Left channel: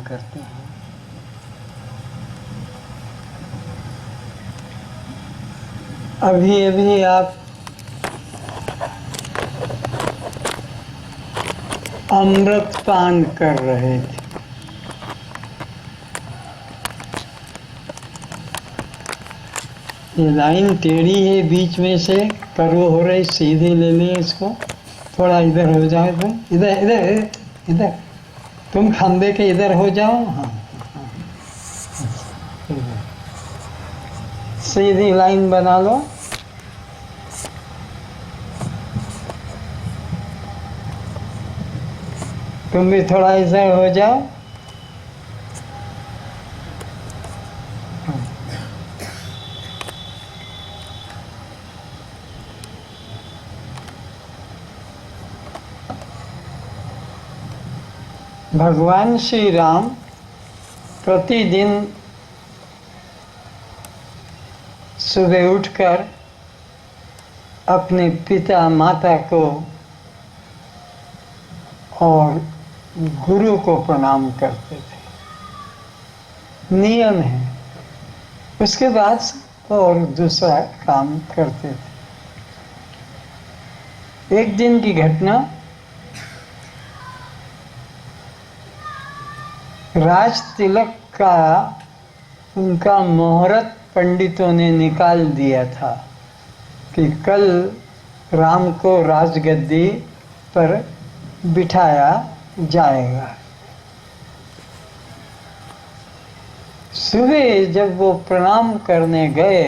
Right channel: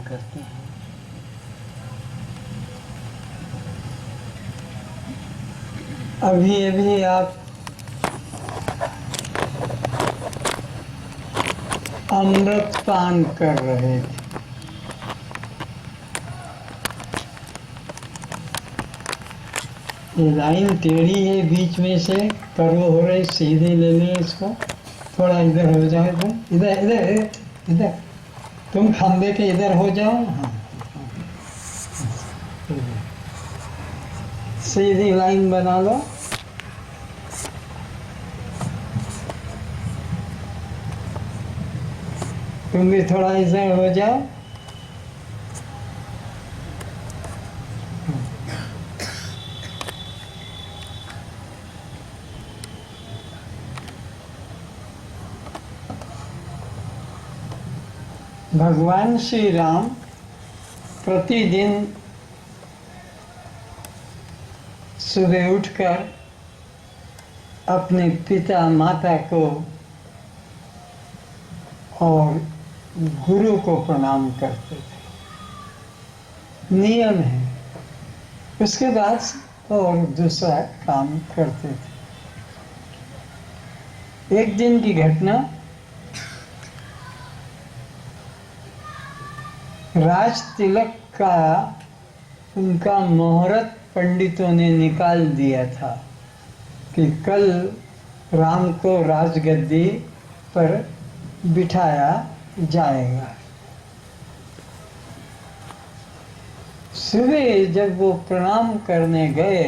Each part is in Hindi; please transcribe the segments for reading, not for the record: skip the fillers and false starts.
करते हैं। अभी अभी आप अमृत पान कर रहे थे। ये लाइन टेढ़ी है, बीच में से कर्व हो रही, सीधे ले लिए इसको। थोड़ा इधर हो जाए तुम, इधर इधर इधर, तुम फंदे के इधर हो जाओ। हाँ, सीधी लाइन बना लो। तुम भी थोड़ा इधर हो जाओ। भगवान श्री राम प्रतिदिन सुबह उठकर अपने पिता माता को और गुरु को प्रणाम करते थे, नियम है। उसके बाद और दूसरा काम करते थे। एक दिन की घटना, राज तिलक का उनका मुहूर्त पंडितों ने निकाल दिया था कि कल राम को राजगद्दी पर बिठाया जाएगा। सुबह जब वो प्रणाम करने गए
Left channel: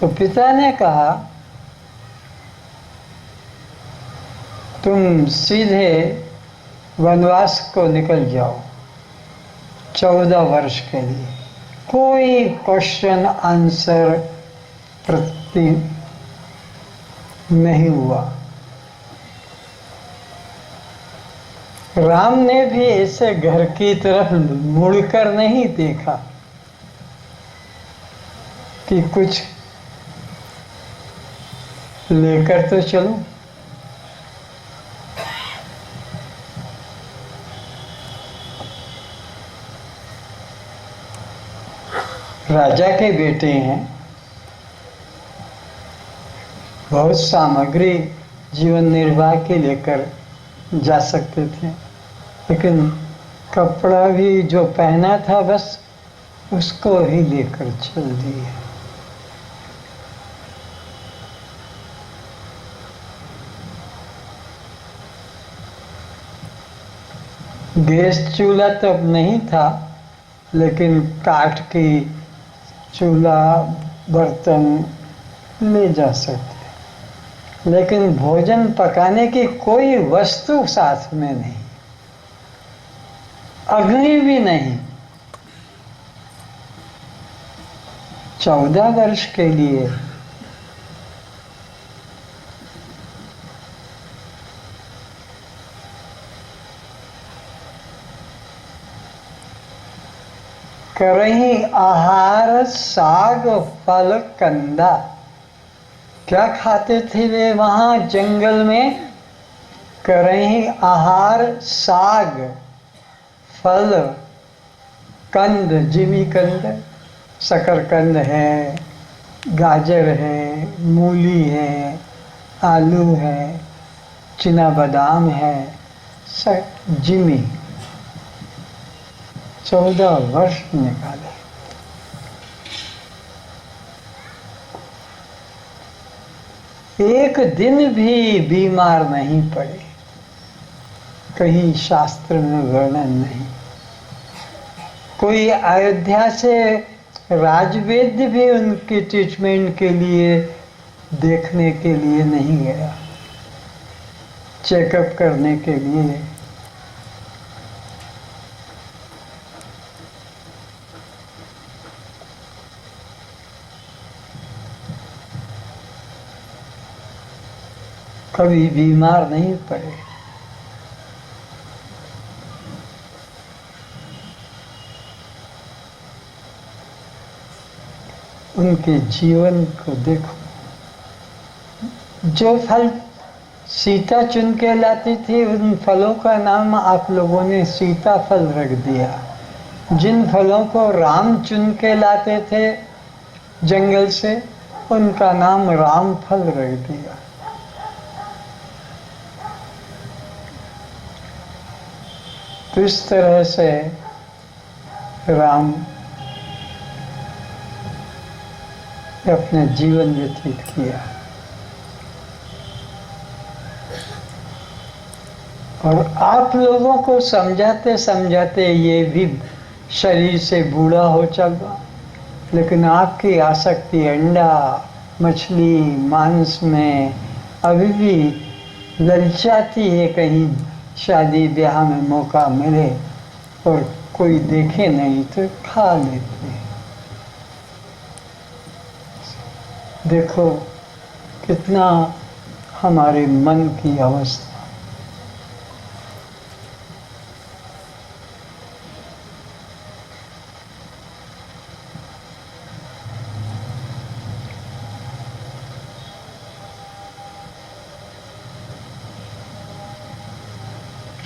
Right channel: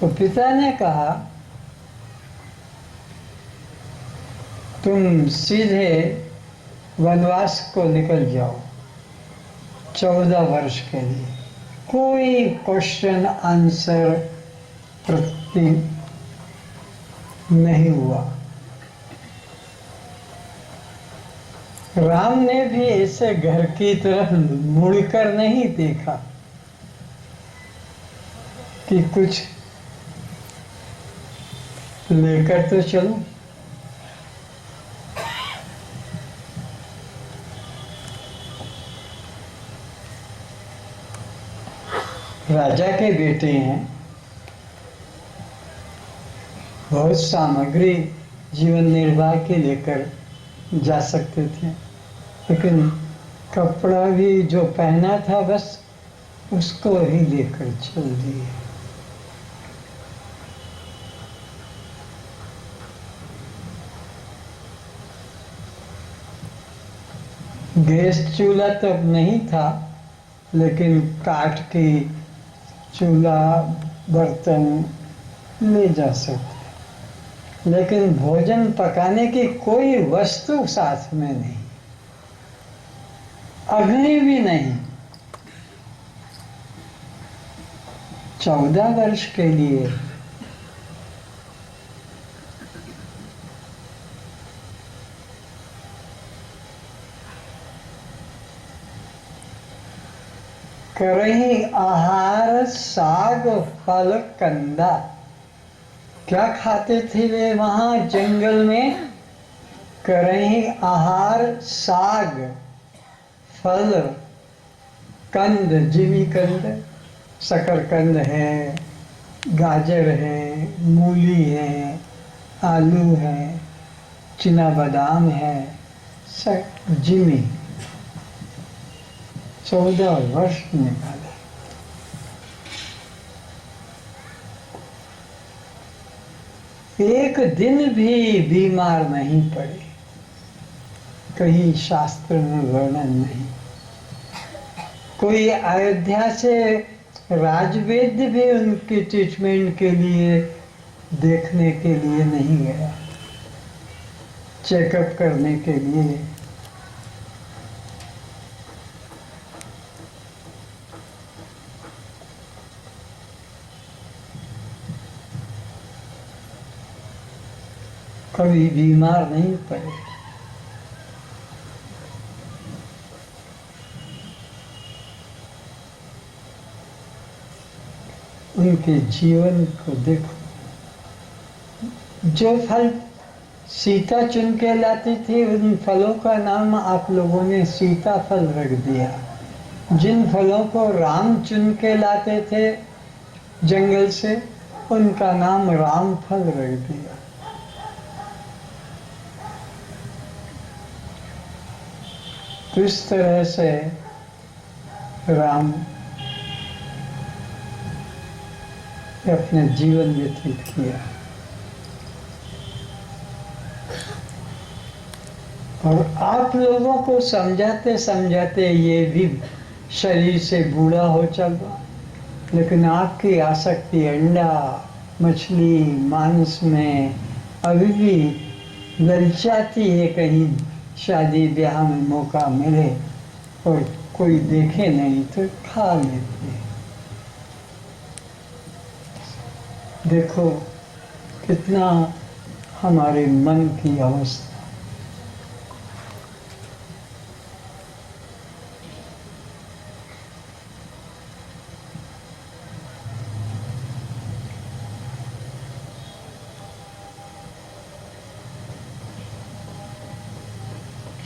तो पिता ने कहा, तुम सीधे वनवास को निकल जाओ 14 वर्ष के लिए। कोई क्वेश्चन आंसर प्रति नहीं हुआ। राम ने भी ऐसे घर की तरफ मुड़कर नहीं देखा कि कुछ लेकर तो चलो। राजा के बेटे हैं, बहुत सामग्री जीवन निर्वाह के लेकर जा सकते थे, लेकिन कपड़ा भी जो पहना था बस उसको ही लेकर चल दिए। गैस चूल्हा तब नहीं था, लेकिन काठ की चूल्हा बर्तन ले जा सकते, लेकिन भोजन पकाने की कोई वस्तु साथ में नहीं, अग्नि भी नहीं। 14 वर्ष के लिए करही आहार साग फल कंदा। क्या खाते थे वे वहां जंगल में? करही आहार साग फल कंद, जिमी कंद, शकरकंद है, गाजर है, मूली है, आलू है, चिना बादाम है, जिमी। 14 वर्ष निकाले। एक दिन भी बीमार नहीं पड़े, कहीं शास्त्र में वर्णन नहीं। कोई अयोध्या से राजवैद्य भी उनकी ट्रीटमेंट के लिए देखने के लिए नहीं गया, चेकअप करने के लिए। कभी बीमार नहीं पड़े। उनके जीवन को देखो। जो फल सीता चुन के लाती थी, उन फलों का नाम आप लोगों ने सीताफल रख दिया। जिन फलों को राम चुन के लाते थे जंगल से, उनका नाम रामफल रख दिया। तो इस तरह से राम अपने जीवन व्यतीत किया। और आप लोगों को समझाते समझाते ये भी शरीर से बूढ़ा हो चला, लेकिन आपकी आसक्ति अंडा, मछली, मांस में अभी भी ललचाती है। कहीं शादी ब्याह में मौका मिले और कोई देखे नहीं तो खा लेते हैं। देखो कितना हमारे मन की अवस्था।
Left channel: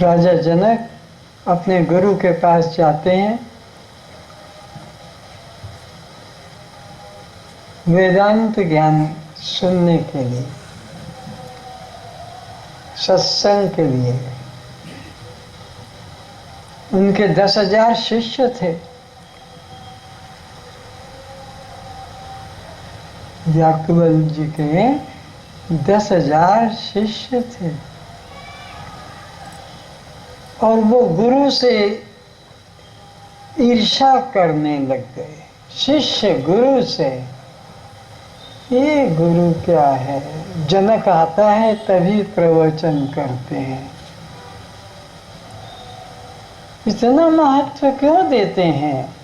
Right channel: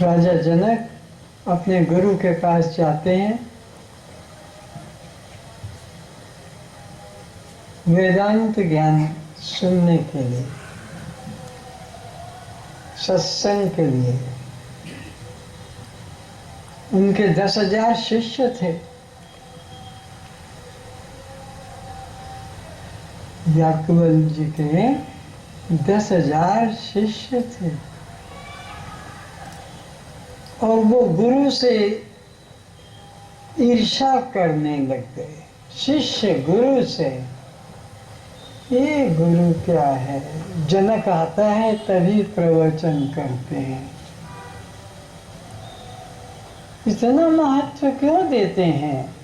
राजा जनक अपने गुरु के पास जाते हैं वेदांत ज्ञान सुनने के लिए, सत्संग के लिए। उनके 10,000 शिष्य थे। याकूबल जी के 10,000 शिष्य थे और वो गुरु से ईर्ष्या करने लग गए। शिष्य गुरु से, ये गुरु क्या है, जनक आता है तभी प्रवचन करते हैं, इतना महत्व क्यों देते हैं?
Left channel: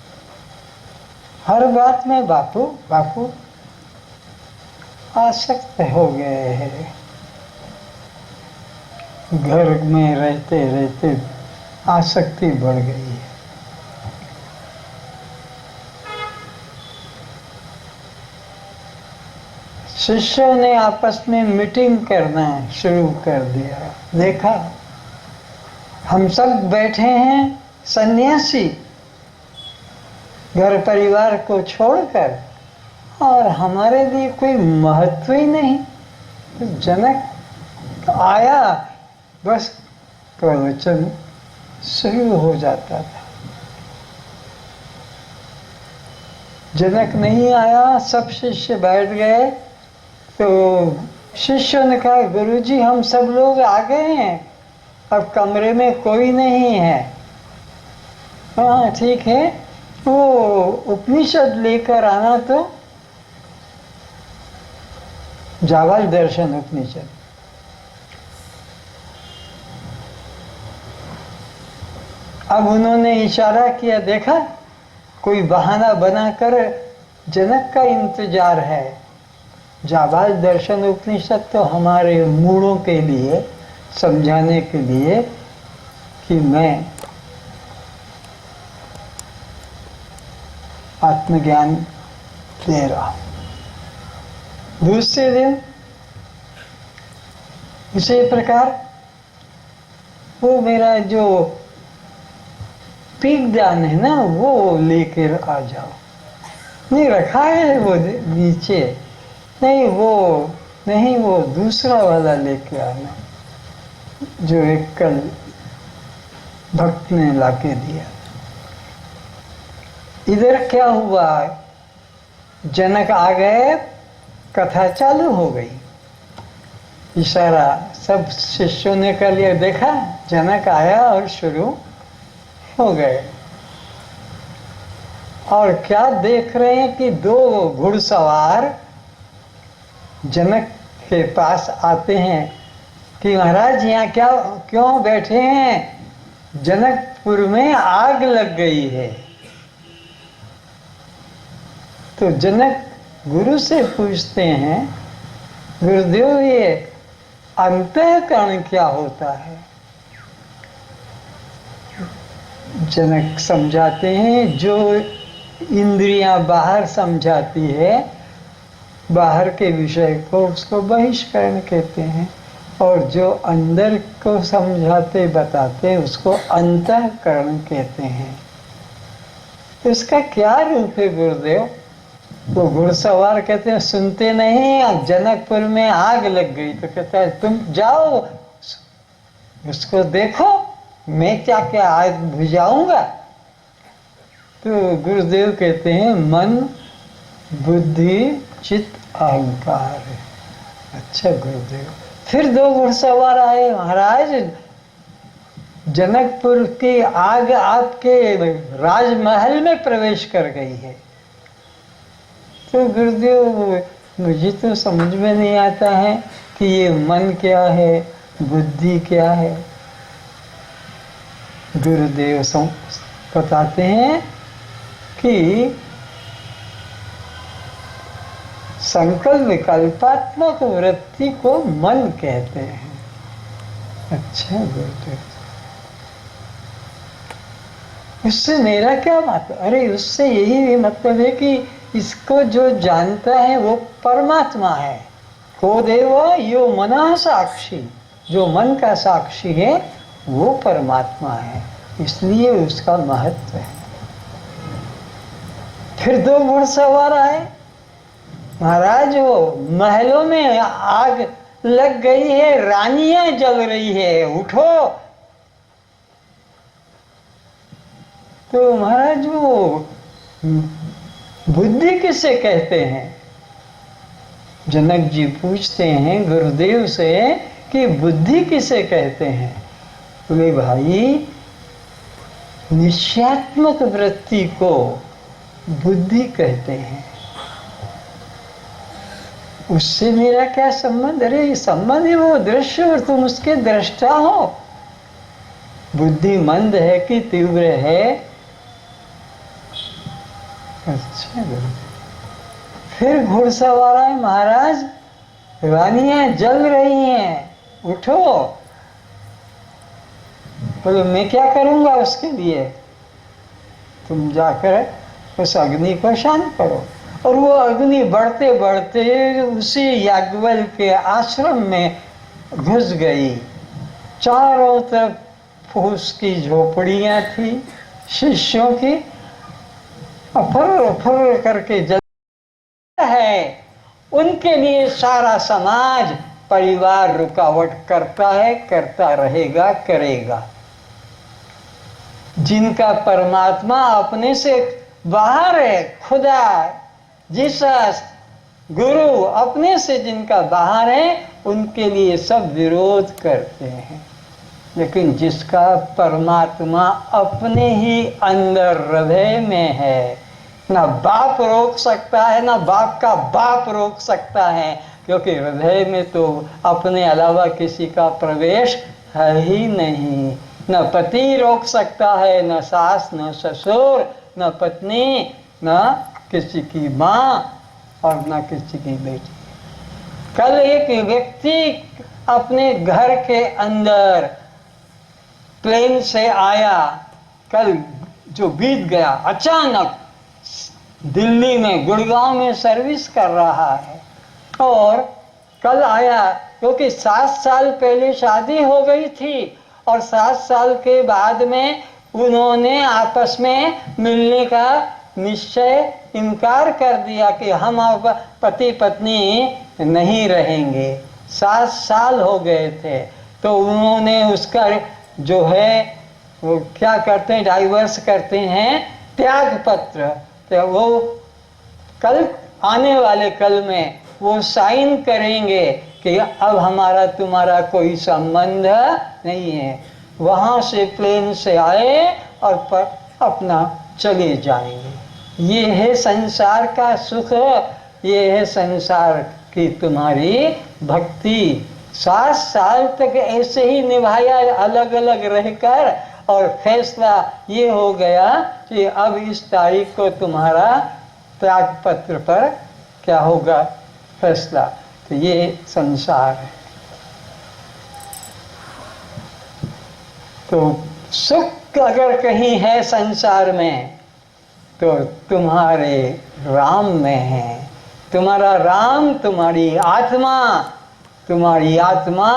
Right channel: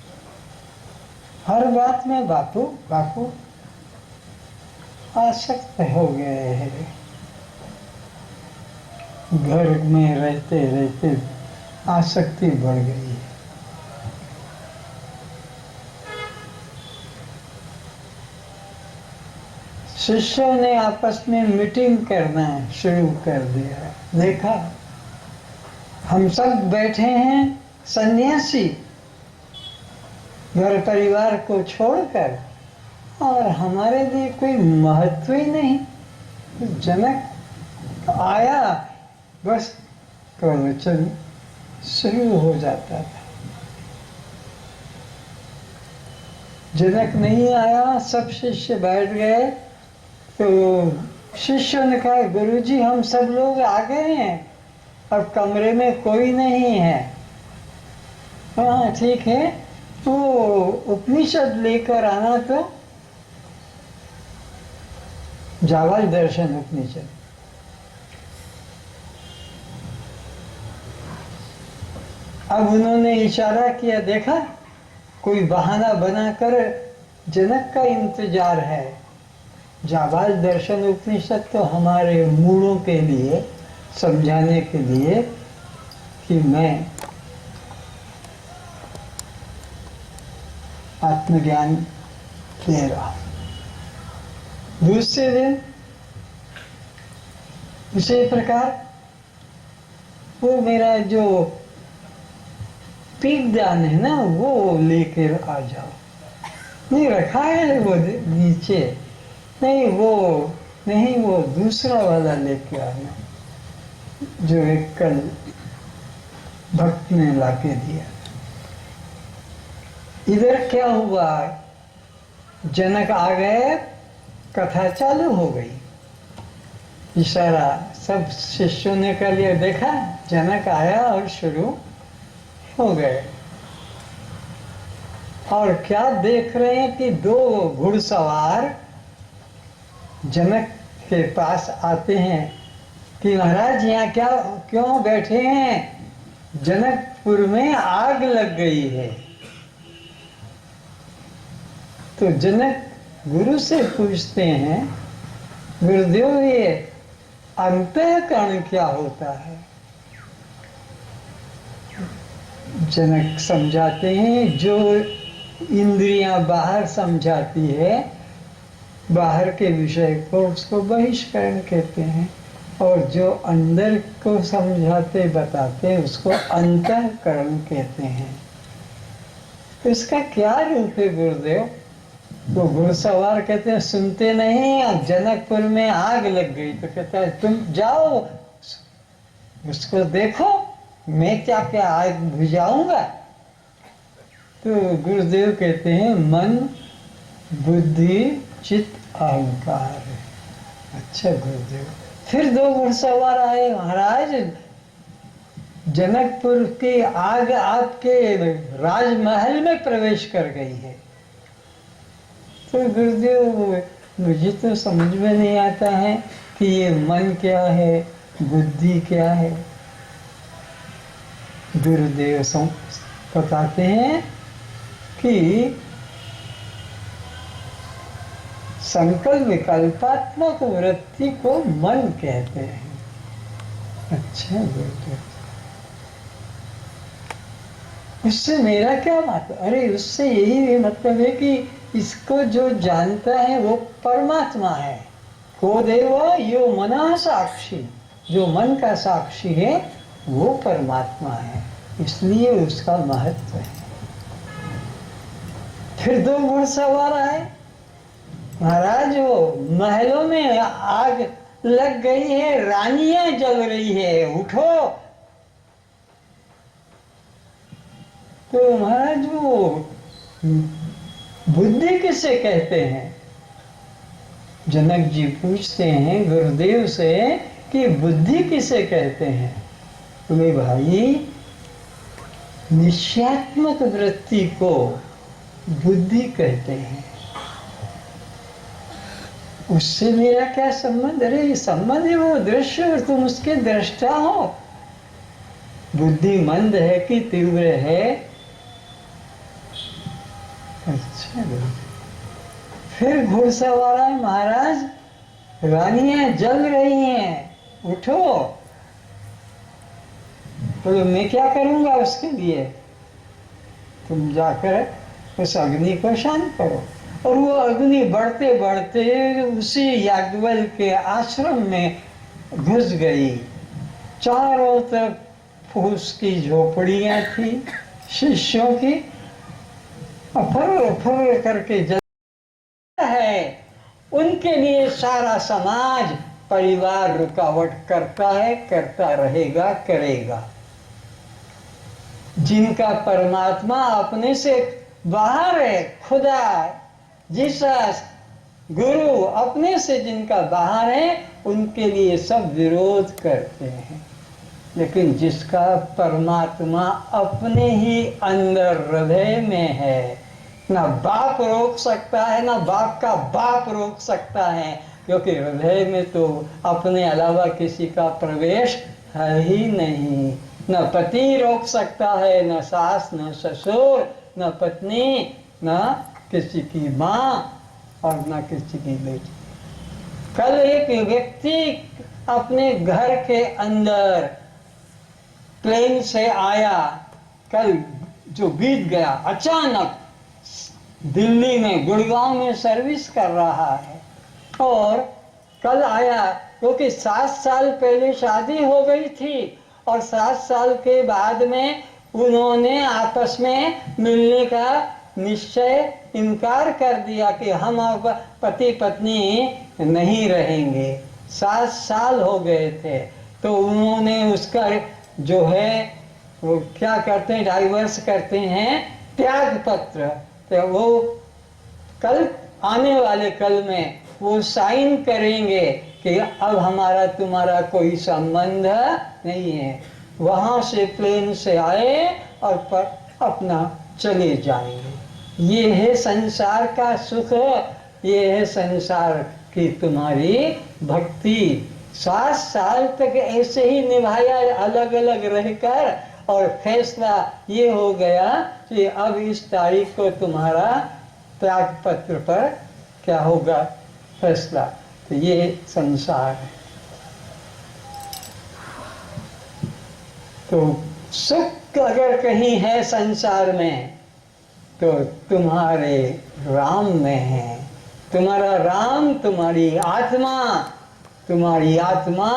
हर बात में बापू बापू आसक्त हो गए हैं। घर में रहते रहते आसक्ति बढ़ गई है। शिष्यों ने आपस में मीटिंग करना शुरू कर दिया। देखा हम सब बैठे हैं सन्यासी, घर परिवार को छोड़कर, और हमारे लिए कोई महत्व ही नहीं। जनक आया, बस प्रवचन शुरू हो जाता था। जनक नहीं आया, सब शिष्य बैठ गए। तो शिष्यों ने कहा, गुरुजी हम सब लोग आ गए हैं, अब कमरे में कोई नहीं है। हाँ ठीक है, वो उपनिषद लेकर आना, तो जावल दर्शन उपनिषद। अब उन्होंने इशारा किया, देखा कोई बहाना बनाकर जनक का इंतजार है। जाबाज दर्शन उपनिषद तो हमारे मूढ़ों के लिए समझाने के लिए कि मैं आत्मज्ञान दे रहा हूं। दूसरे दिन इसी प्रकार वो मेरा जो पीकदान है ना, वो लेकर आ जाओ। नहीं रखा है वो नीचे, नहीं वो दूसरा वाला लेके आना, जो एक कल भक्त ने लाके दिया। इधर क्या हुआ, जनक आ गए, कथा चालू हो गई। इशारा सब शिष्यों ने कर लिया, देखा जनक आया और शुरू हो गए। और क्या देख रहे हैं कि 2 घुड़सवार जनक के पास आते हैं कि महाराज यहाँ क्या क्यों बैठे हैं? जनकपुर में आग लग गई है। तो जनक गुरु से पूछते हैं, गुरुदेव ये अंतःकरण क्या होता है? जनक समझाते हैं, जो इंद्रियां बाहर समझाती है, बाहर के विषय को, उसको बहिष्करण कहते हैं। और जो अंदर को समझाते बताते उसको अंतःकरण कहते हैं। तो इसका क्या रूप है गुरुदेव? वो घुड़सवार कहते हैं सुनते नहीं, जनकपुर में आग लग गई तो कहता है तुम जाओ उसको देखो, मैं क्या क्या आग बुझाऊंगा। तो गुरुदेव कहते हैं मन बुद्धि चित्त अहंकार। अच्छा गुरुदेव। फिर दो घुड़सवार आए, महाराज जनकपुर की आग आपके राजमहल में प्रवेश कर गई है। तो गुरुदेव मुझे तो समझ में नहीं आता है कि ये मन क्या है, बुद्धि क्या है। गुरुदेव बताते हैं कि संकल्प विकल्पात्मक वृत्ति को मन कहते हैं। अच्छा गुरुदेव, उससे मेरा क्या मतलब? अरे उससे यही मतलब है कि इसको जो जानता है वो परमात्मा है। को देव यो मना साक्षी, जो मन का साक्षी है वो परमात्मा है, इसलिए उसका महत्व है। फिर दो घुड़सवार आए, महाराज वो महलों में आग लग गई है, रानियां जल रही है, उठो। तो महाराज वो बुद्धि किसे कहते हैं? जनक जी पूछते हैं गुरुदेव से कि बुद्धि किसे कहते हैं? बोले भाई निश्चयात्मक वृत्ति को बुद्धि कहते हैं। उससे मेरा क्या संबंध? अरे ये संबंध है वो दृश्य और तुम उसके दृष्टा हो। बुद्धि मंद है कि तीव्र है? अच्छा। फिर घुड़सवार आए, महाराज रानियां जल रही हैं, उठो। बोले मैं क्या करूंगा उसके लिए? तुम जाकर उस अग्नि को शांत करो। और वो अग्नि बढ़ते बढ़ते उसी याज्ञवल्क्य के आश्रम में घुस गई। चारों तरफ फूस की झोपड़ियां थी शिष्यों की, फर फर करके जल है। उनके लिए सारा समाज परिवार रुकावट करता है, करता रहेगा, करेगा। जिनका परमात्मा अपने से बाहर है, खुदा जीसस गुरु अपने से जिनका बाहर है, उनके लिए सब विरोध करते हैं। लेकिन जिसका परमात्मा अपने ही अंदर हृदय में है, ना बाप रोक सकता है, ना बाप का बाप रोक सकता है, क्योंकि हृदय में तो अपने अलावा किसी का प्रवेश है ही नहीं। न पति रोक सकता है, न सास, न ससुर, न पत्नी, न किसी की माँ और न किसी की बेटी। कल एक व्यक्ति अपने घर के अंदर प्लेन से आया, कल जो बीत गया, अचानक दिल्ली में गुड़गांव में सर्विस कर रहा है और कल आया, क्योंकि 7 साल पहले शादी हो गई थी और 7 साल के बाद में उन्होंने आपस में मिलने का निश्चय इनकार कर दिया कि हम अब पति पत्नी नहीं रहेंगे। 7 साल हो गए थे, तो उन्होंने उसका जो है वो क्या करते हैं, डाइवर्स करते हैं, त्याग पत्र। तो वो कल आने वाले कल में वो साइन करेंगे कि अब हमारा तुम्हारा कोई संबंध नहीं है। वहाँ से प्लेन से आए और पर अपना चले जाएंगे। ये है संसार का सुख, ये है संसार की तुम्हारी भक्ति। 7 साल तक ऐसे ही निभाया अलग अलग रहकर, और फैसला ये हो गया कि अब इस तारीख को तुम्हारा त्याग पत्र पर क्या होगा फैसला। तो ये संसार है। तो सुख अगर कहीं है संसार में तो तुम्हारे राम में है। तुम्हारा राम, तुम्हारी आत्मा तुम्हारी आत्मा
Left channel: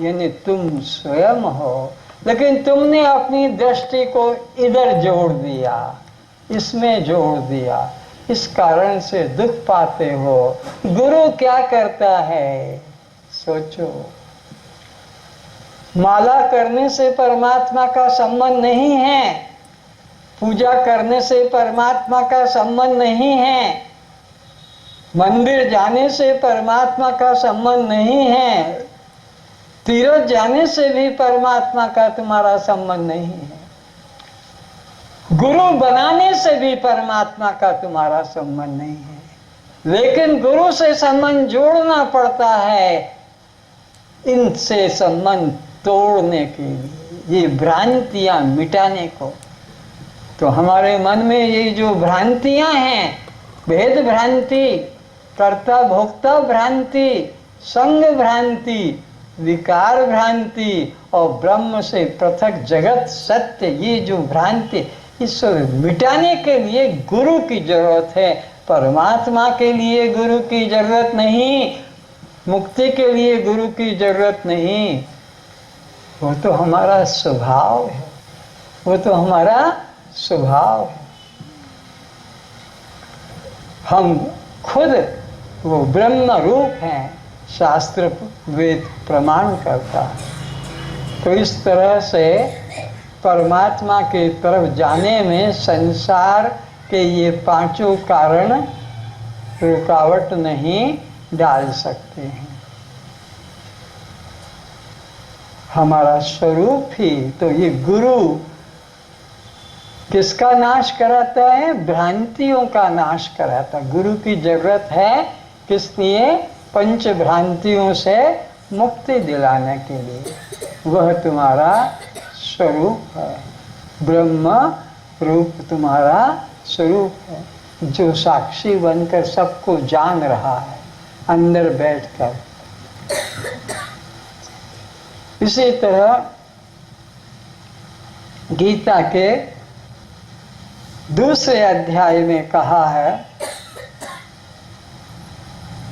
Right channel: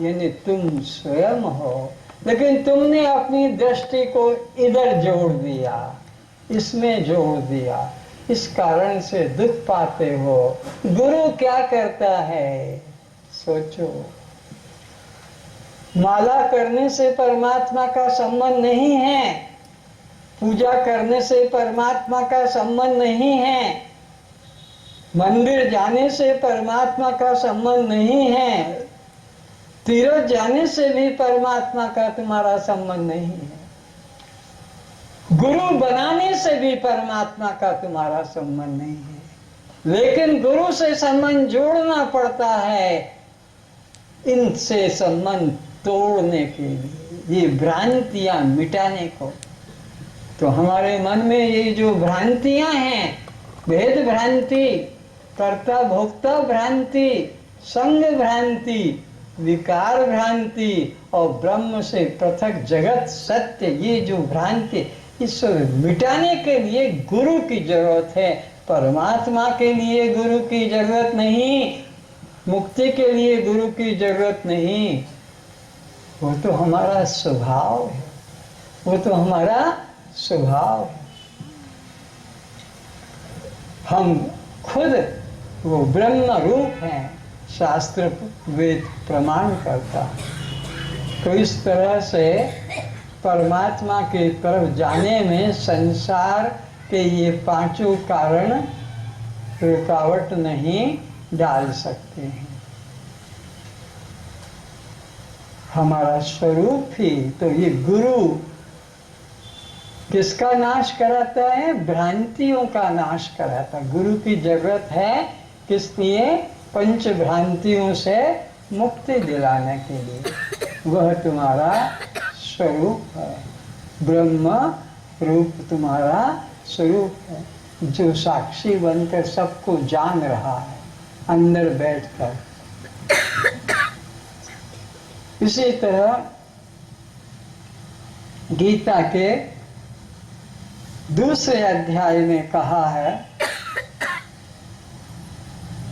यानी तुम स्वयं हो, लेकिन तुमने अपनी दृष्टि को इधर जोड़ दिया, इसमें जोड़ दिया, इस कारण से दुख पाते हो। गुरु क्या करता है सोचो। माला करने से परमात्मा का संबंध नहीं है, पूजा करने से परमात्मा का संबंध नहीं है, मंदिर जाने से परमात्मा का संबंध नहीं है, तीर्थ जाने से भी परमात्मा का तुम्हारा संबंध नहीं है, गुरु बनाने से भी परमात्मा का तुम्हारा संबंध नहीं है। लेकिन गुरु से संबंध जोड़ना पड़ता है इनसे संबंध तोड़ने के लिए, ये भ्रांतियां मिटाने को। तो हमारे मन में ये जो भ्रांतियां हैं, भेद भ्रांति, कर्ता भोक्ता भ्रांति, संग भ्रांति, विकार भ्रांति और ब्रह्म से पृथक जगत सत्य, ये जो भ्रांति, इसको मिटाने के लिए गुरु की जरूरत है। परमात्मा के लिए गुरु की जरूरत नहीं, मुक्ति के लिए गुरु की जरूरत नहीं, वो तो हमारा स्वभाव है, वो तो हमारा स्वभाव है। हम खुद वो ब्रह्म रूप हैं, शास्त्र वेद प्रमाण करता है। तो इस तरह से परमात्मा की तरफ जाने में संसार के ये पांचों कारण रुकावट नहीं डाल सकते हैं। हमारा स्वरूप ही तो ये गुरु किसका नाश कराता है? भ्रांतियों का नाश कराता। गुरु की जरूरत है किस लिए? पंच भ्रांतियों से मुक्ति दिलाने के लिए। वह तुम्हारा स्वरूप है, ब्रह्म रूप तुम्हारा स्वरूप है, जो साक्षी बनकर सबको जान रहा है अंदर बैठकर। इसी तरह गीता के दूसरे अध्याय में कहा है,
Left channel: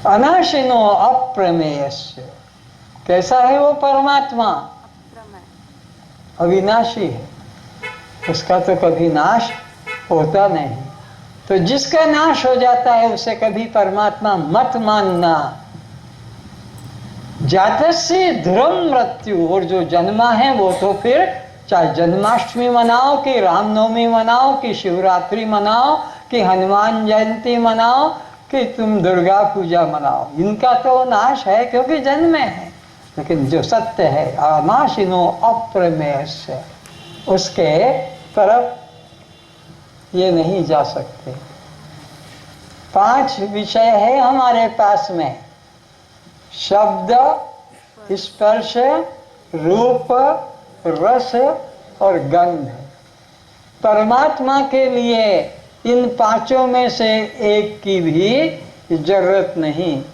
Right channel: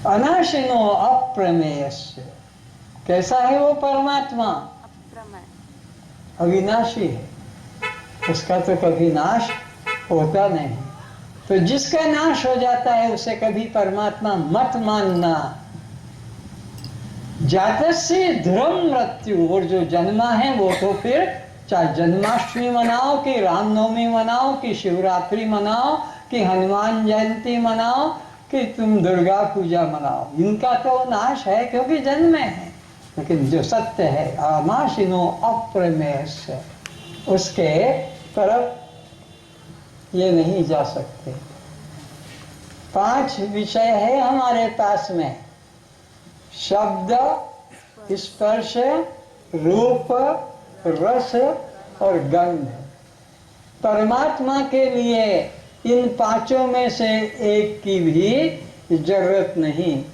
अनाशिनो अप्रमेयस्य। कैसा है वो परमात्मा? अविनाशी है, उसका तो कभी नाश होता नहीं। तो जिसका नाश हो जाता है उसे कभी परमात्मा मत मानना। जातस्य ध्रुवं मृत्यु, और जो जन्मा है वो तो फिर चाहे जन्माष्टमी मनाओ कि रामनवमी मनाओ कि शिवरात्रि मनाओ कि हनुमान जयंती मनाओ कि तुम दुर्गा पूजा मनाओ, इनका तो नाश है क्योंकि जन्मे है। लेकिन जो सत्य है अनाशिनो अप्रमेयस्य, उसके तरफ ये नहीं जा सकते। 5 विषय है हमारे पास में, शब्द, स्पर्श, रूप, रस और गंध। परमात्मा के लिए इन 5 में से एक की भी जरूरत नहीं।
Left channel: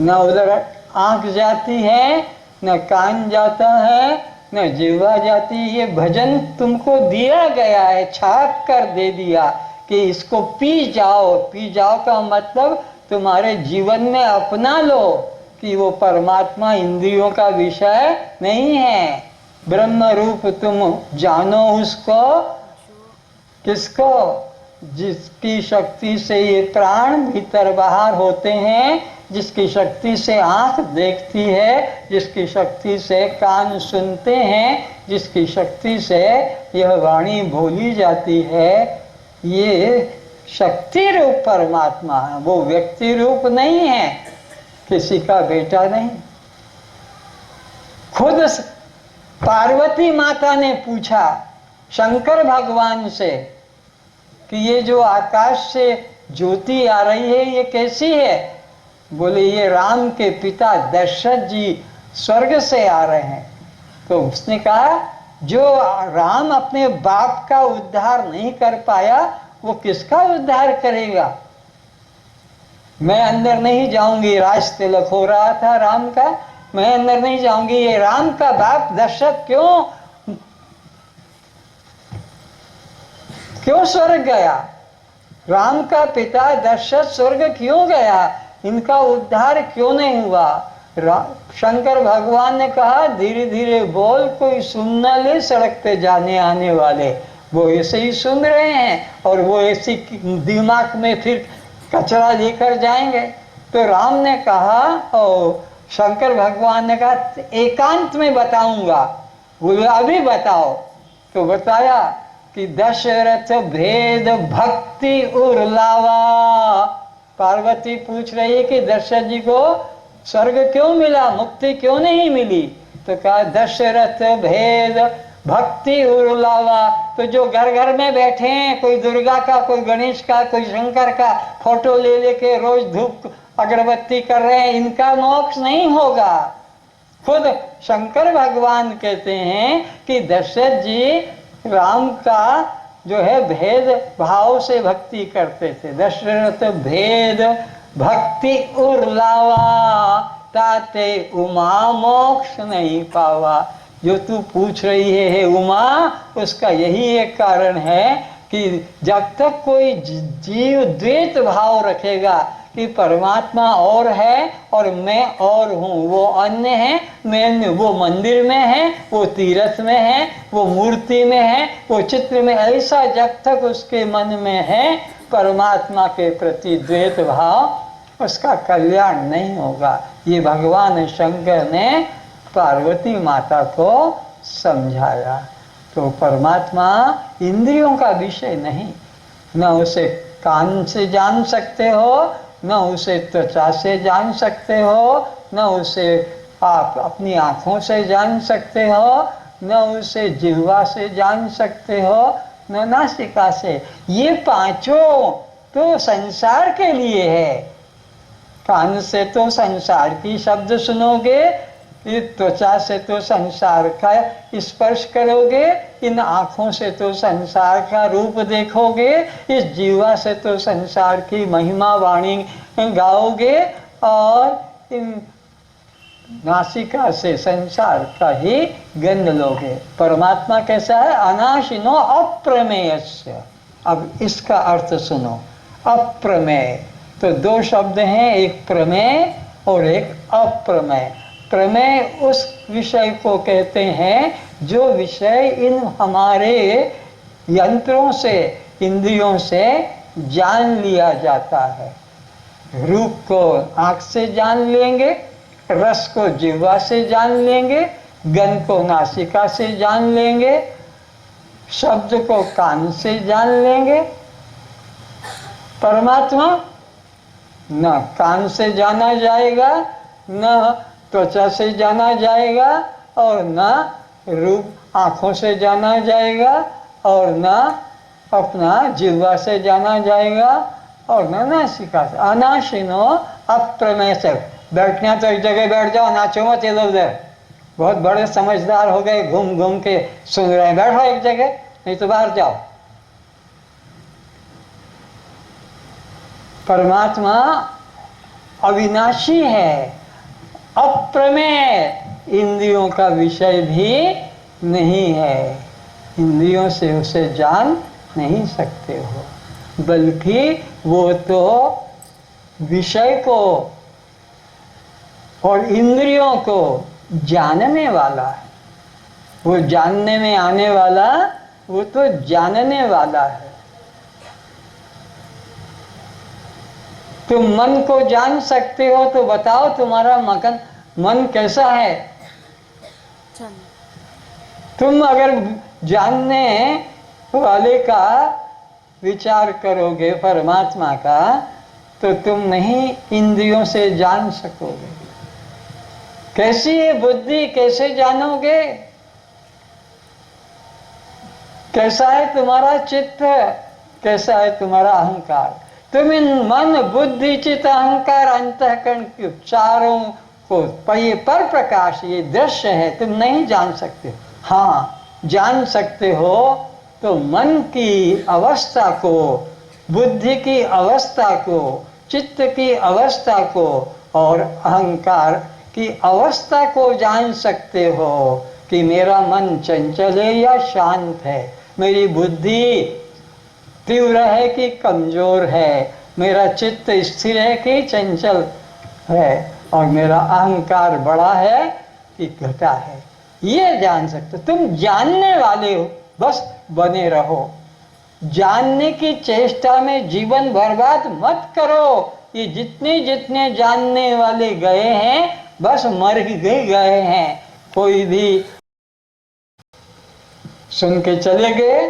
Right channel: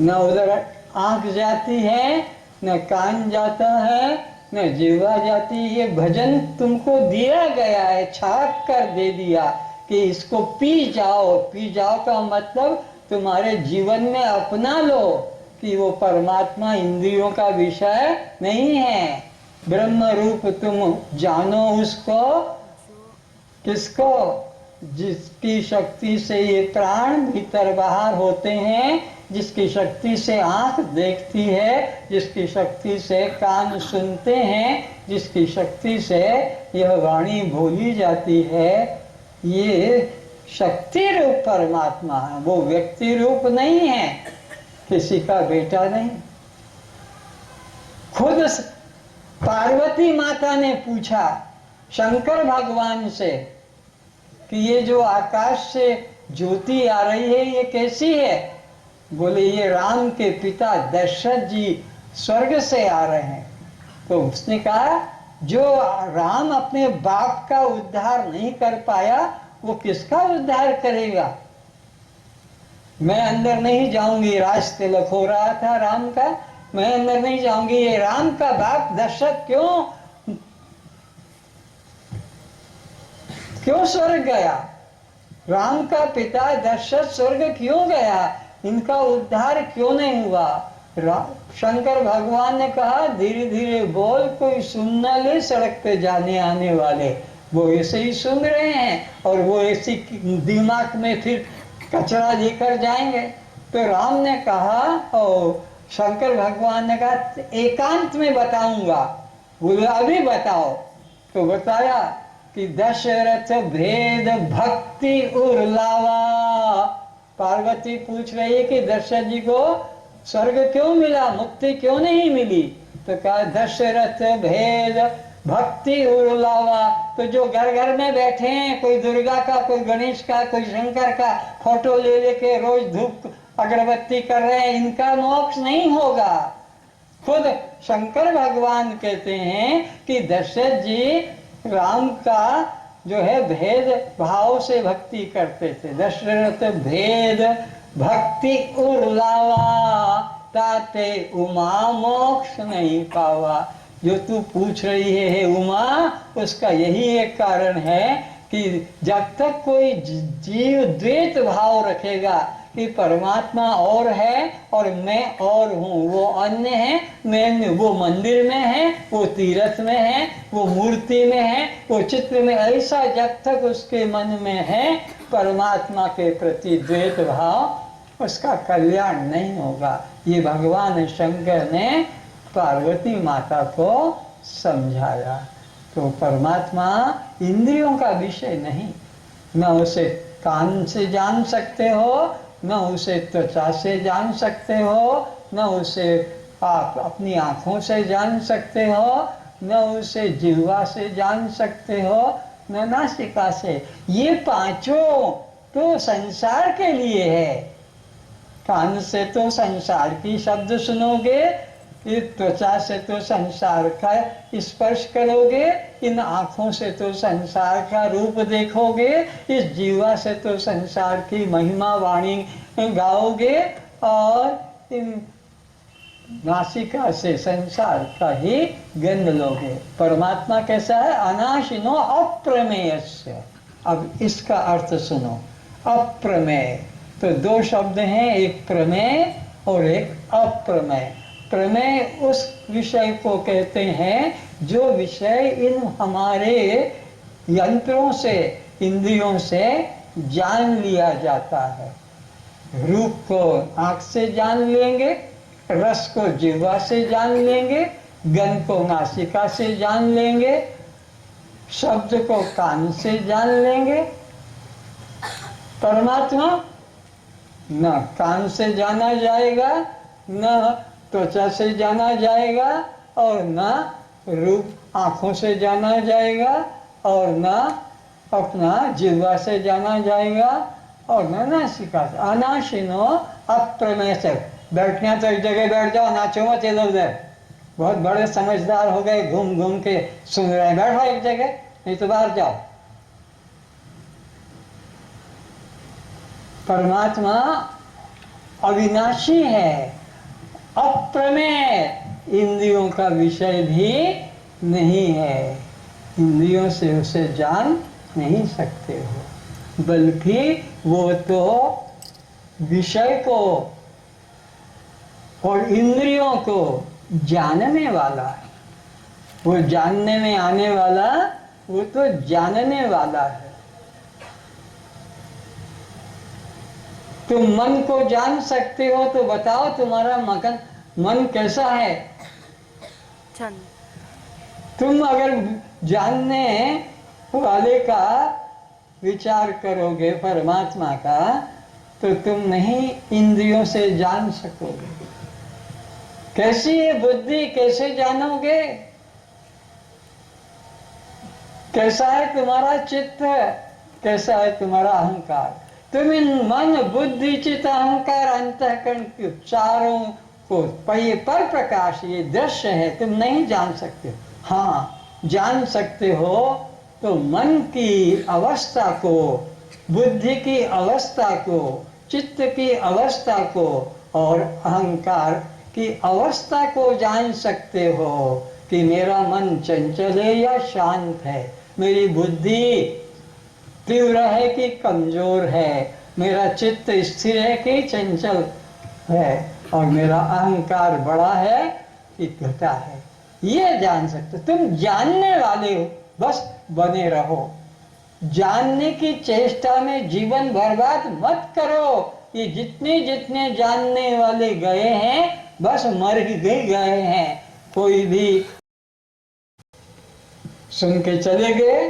न उधर आंख जाती है, न कान जाता है, न जीवा जाती। ये भजन तुमको दिया गया है, छाप कर दे दिया कि इसको पी जाओ। पी जाओ का मतलब तुम्हारे जीवन में अपना लो कि वो परमात्मा इंद्रियों का विषय नहीं है। ब्रह्म रूप तुम जानो उसको, किसको? जिसकी शक्ति से ये प्राण भीतर बाहर होते हैं, जिसकी शक्ति से आंख देखती है, जिसकी शक्ति से कान सुनते हैं, जिसकी शक्ति से यह वाणी बोली जाती है। ये शक्ति रूप परमात्मा है, वो व्यक्ति रूप नहीं है, किसी का बेटा नहीं। खुद पार्वती माता ने पूछा शंकर भगवान से कि ये जो आकाश से ज्योति आ रही है ये कैसी है? बोले ये राम के पिता दशरथ जी स्वर्ग से आ रहे हैं। तो उसने कहा जो राम अपने बाप का उद्धार नहीं कर पाया वो किसका उद्धार करेगा? मैं अंदर नहीं जाऊंगी, राज तिलक हो रहा था राम का, मैं अंदर नहीं जाऊंगी। ये राम का बाप दशरथ क्यों स्वर्ग गया? राम का पिता दशरथ स्वर्ग क्यों गया? इनका उद्धार क्यों नहीं हुआ? शंकर भगवान ने कहा धीरे धीरे बोल, कोई सुन न ले सड़क पे जाने आने वाले, वो ऐसे ही सुन रहे हैं और वो ऐसी दिमाग में फिर कचरा लेकर जाएंगे। तो राम ने कहा और शंकर भगवान ने कहा एकांत में बताऊंगा, बोले अभी बताओ। तो बताया कि दशरथ भेद भक्ति उर्लावा। पार्वती पूछ रही है कि दशरथ जी को स्वर्ग क्यों मिला, मुक्ति क्यों नहीं मिली? तो कहा दशरथ भेद भक्ति उर्लावा। तो जो घर घर में बैठे हैं, कोई दुर्गा का, कोई गणेश का, कोई शंकर का फोटो ले लेके रोज धूप अगरबत्ती कर रहे हैं, इनका मोक्ष नहीं होगा। खुद शंकर भगवान कहते हैं कि दशरथ जी राम का जो है भेद भाव से भक्ति करते थे। दशरथ भेद भक्ति उर्लावा, ताते उमा मोक्ष नहीं पावा। जो तू पूछ रही है हे उमा, उसका यही एक कारण है कि जब तक कोई जीव द्वैत भाव रखेगा कि परमात्मा और है और मैं और हूँ, वो अन्य है, मैं वो मंदिर में है, वो तीर्थ में है, वो मूर्ति में है, वो चित्र में, ऐसा जब तक उसके मन में है परमात्मा के प्रति द्वैत भाव, उसका कल्याण नहीं होगा। ये भगवान शंकर ने पार्वती माता को समझाया। तो परमात्मा इंद्रियों का विषय नहीं, न उसे कान से जान सकते हो, न उसे त्वचा से जान सकते हो, न उसे आप अपनी आँखों से जान सकते हो, न उसे जिह्वा से जान सकते हो, न नासिका से। ये पांचों तो संसार के लिए है। कान से तो संसार की शब्द सुनोगे, त्वचा से तो संसार का स्पर्श करोगे, इन आँखों से तो संसार का रूप देखोगे, इस जीवा से तो संसार की महिमा वाणी गाओगे, और इन नासिका से संसार का ही गंध लोगे। परमात्मा कैसा है? अनाशिनो अप्रमेयस्य। अब इसका अर्थ सुनो, अप्रमेय। तो दो शब्द हैं, एक प्रमेय और एक अप्रमेय। प्रमेय उस विषय को कहते हैं जो विषय इन हमारे यंत्रों से, इंद्रियों से जान लिया जाता है। रूप को आँख से जान लेंगे, रस को जिह्वा से जान लेंगे, गंध को नासिका से जान लेंगे, शब्द को कान से जान लेंगे। परमात्मा न कान से जाना जाएगा, न त्वचा से जाना जाएगा, और न रूप आँखों से जाना जाएगा, और न अपना जिह्वा से जाना जाएगा, और न नासिका से। अनाशिनो अप्रमेय से। बैठना तो एक जगह बैठ जाओ, नाचो मत इधर उधर। बहुत बड़े समझदार हो गए, घूम घूम के सुन रहे हैं, बैठो एक जगह, नहीं तो बाहर जाओ। परमात्मा अविनाशी है, अप्रमेय, इंद्रियों का विषय भी नहीं है। इंद्रियों से उसे जान नहीं सकते हो, बल्कि वो तो विषय को और इंद्रियों को जानने वाला है। वो जानने में आने वाला, वो तो जानने वाला है। तुम मन को जान सकते हो तो बताओ तुम्हारा मन कैसा है? तुम अगर जानने वाले का विचार करोगे परमात्मा का, तो तुम नहीं इंद्रियों से जान सकोगे। कैसी है बुद्धि, कैसे जानोगे? कैसा है तुम्हारा चित्त, कैसा है तुम्हारा अहंकार? तुम इन मन बुद्धि चित्त अहंकार अंतःकरण के चारों को पर प्रकाश, ये दृश्य है, तुम नहीं जान सकते। हाँ, जान सकते हो तो मन की अवस्था को, बुद्धि की अवस्था को, चित्त की अवस्था को और अहंकार की अवस्था को जान सकते हो कि मेरा मन चंचल है या शांत है, मेरी बुद्धि तीव्र है कि कमजोर है, मेरा चित्त स्थिर है कि चंचल है। और मेरा अहंकार बड़ा है कि घटा है, ये जान सकते। तुम जानने वाले हो, बस बने रहो। जानने की चेष्टा में जीवन बर्बाद मत करो। ये जितने जितने जानने वाले गए हैं बस मर ही गए हैं। कोई भी सुन के चले गए।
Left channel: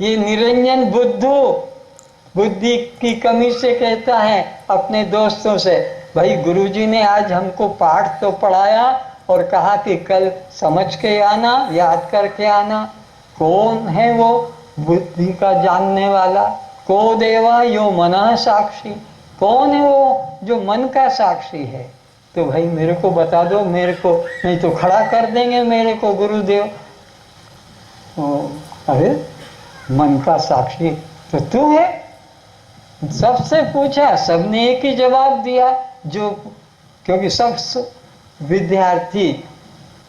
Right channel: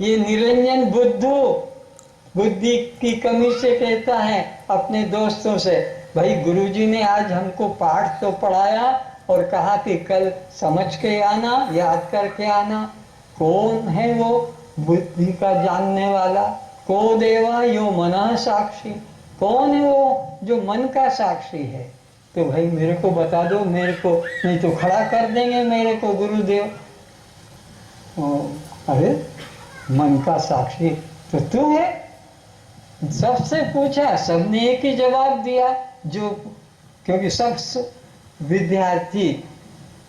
ये निरंजन बुद्धि की कमी से कहता है अपने दोस्तों से, भाई गुरुजी ने आज हमको पाठ तो पढ़ाया और कहा कि कल समझ के आना, याद करके आना। कौन है वो बुद्धि का जानने वाला? को देवा यो मनः साक्षी। कौन है वो जो मन का साक्षी है? तो भाई मेरे को बता दो, मेरे को नहीं तो खड़ा कर देंगे मेरे को गुरुदेव। अरे मन का साक्षी तो तू है। सबसे पूछा, सबने एक ही जवाब दिया, जो क्योंकि सब विद्यार्थी